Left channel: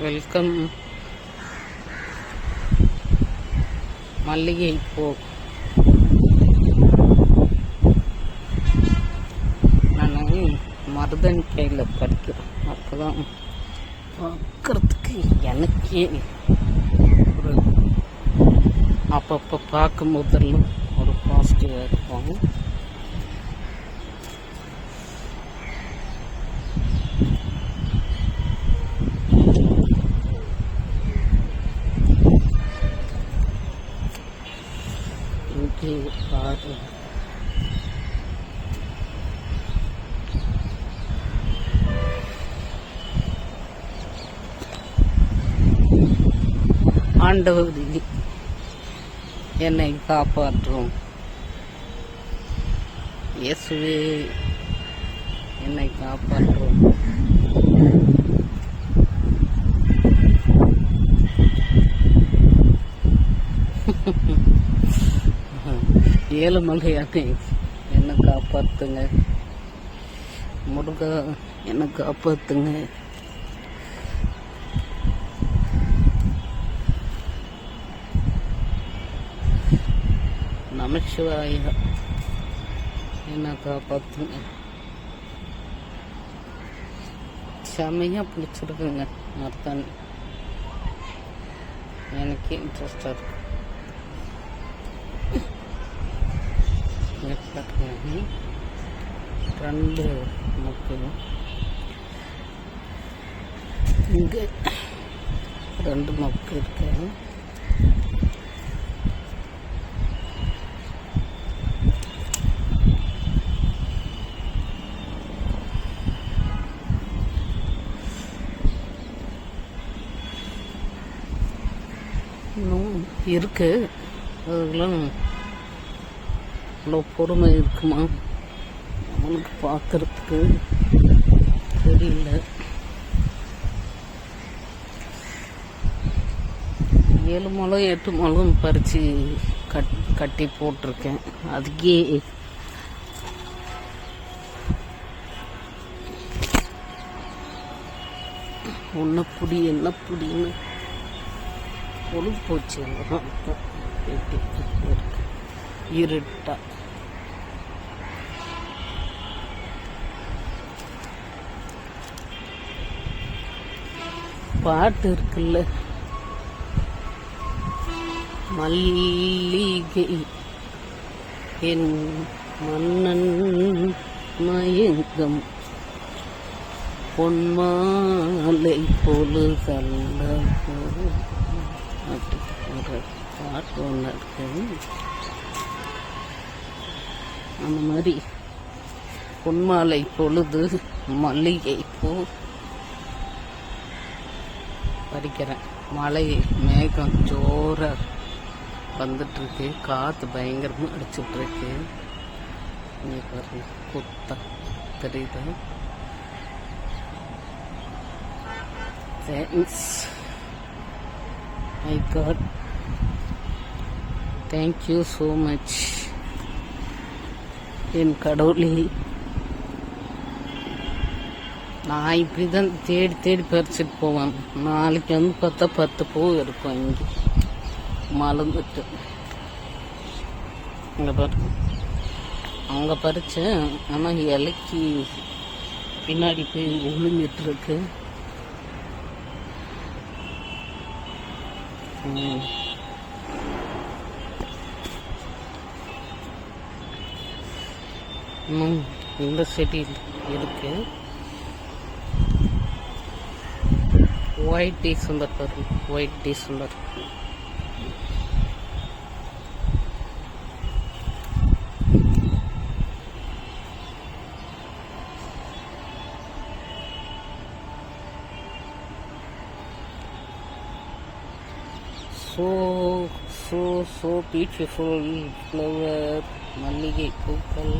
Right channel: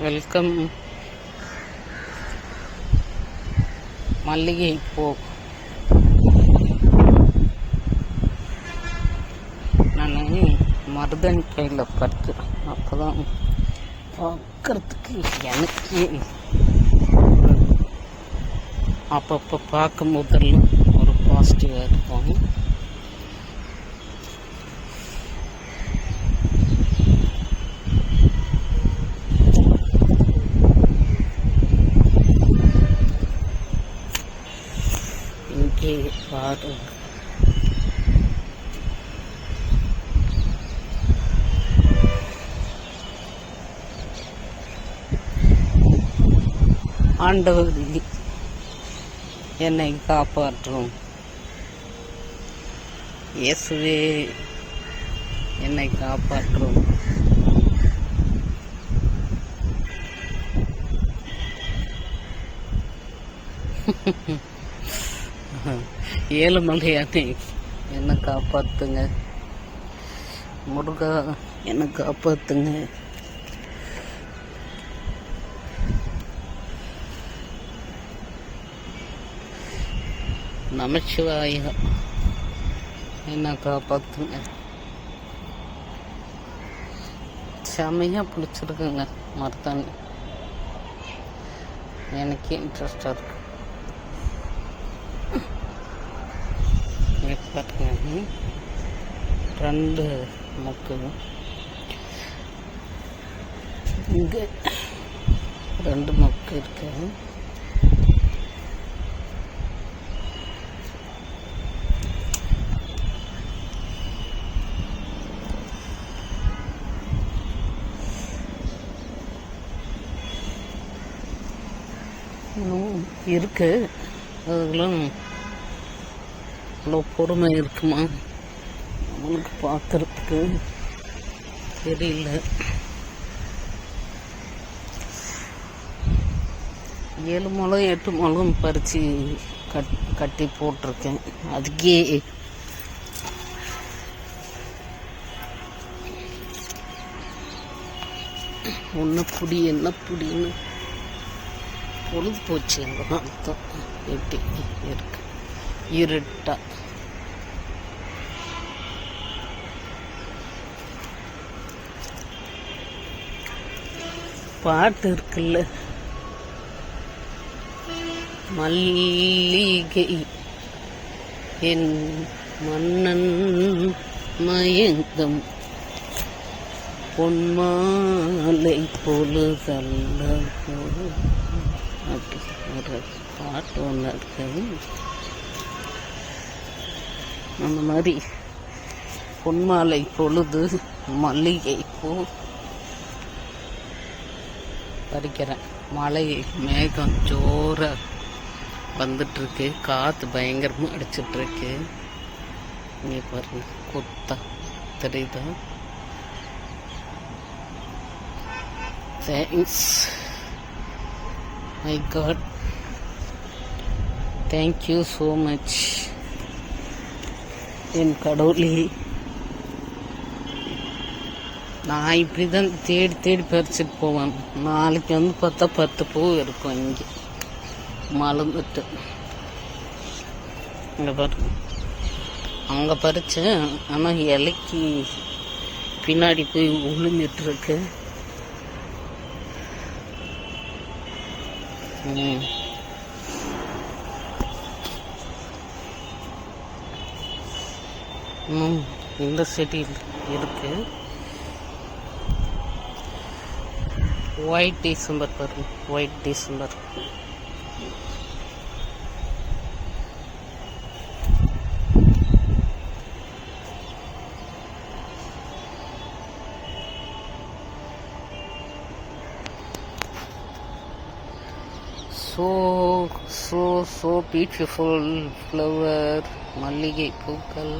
Welcome. மல்லிகை பூ. நான் மருதன் கையில் படிக்கிறேன் அப்போ தான் பார்க்குறதுக்கு எனக்கு ஒரு அப்பப்போ பார்க்கும்போதெல்லாம் ஒரு பாசிட்டிவாக இருக்கும் இங்கே பாரு ஆண்டவர் என்னை காப்பாற்றும். இயேசுவே என்னை காப்பாற்றும். ஏழுமலையானே என்னை காப்பாத்துங்க. முருகா என்னை காப்பாத்துங்க. நமச்சிவாயா என்ன காப்பாத்துங்க. செமையாக பிடிச்சிருக்குங்க மருத்தாணி எனக்கே இன்ட்ரெஸ்டாக இருக்கு இங்க பாருங்க ரெண்டு மொக்கு இங்கே ரெண்டு மொக்கு இருக்கு. இருக்கு. அதெல்லாம் அவ்வளோ பொறுமை இருக்குமா? நம்மளுக்கு பார்க்கறதுக்கு தெரியல. ஏழு முளம் எட்டு முளம் பறித்து கட் கட்டி போட்டிருக்கேன். அதுக்கே ஒன்று புடி என்ன புடின்னு பொழுது போச்சு அங்கே அர்த்தம் வெட்டி இருக்கு. இருட்டா. பாட்டு இருக்குல்ல. மல்லிகை என் மன்னன் மயங்கம் பொன்மாலை பொழுதல்ல அப்படி ஒரு பாட்டு ஒன்று இருக்கு. அந்த மாதிரி பொன்மாலை பொழுது மல்லிகை பூ பறிக்கிறேன். மழை மேகம் ஜோராக வந்துட்டுருக்கு. காற்று பயங்கரமாக அடிச்சிட்ருக்கு இங்கே பாருங்க குத்தா தெரியுதா? Thanks I God thank you so much என் கடவுளே. நான் இப்படி தான் தேடி தேடி பறிச்சுட்டு போவேன். நாளைக்கு வந்து பார்த்தா பத்து பூ இருக்கும் இங்கே. மலர்ந்துட்டு இங்கே பாரு. அங்கே பறித்தேன் ஆனால் இலைக்கு பின்னாடி போய் உளுந்துட்டு ம். இன்னும் இந்த செடி இருக்கு. ஒயிட் டிசம்பர் பாருங்க white December so so so beautiful flower மல்லிகை பூக்கள்.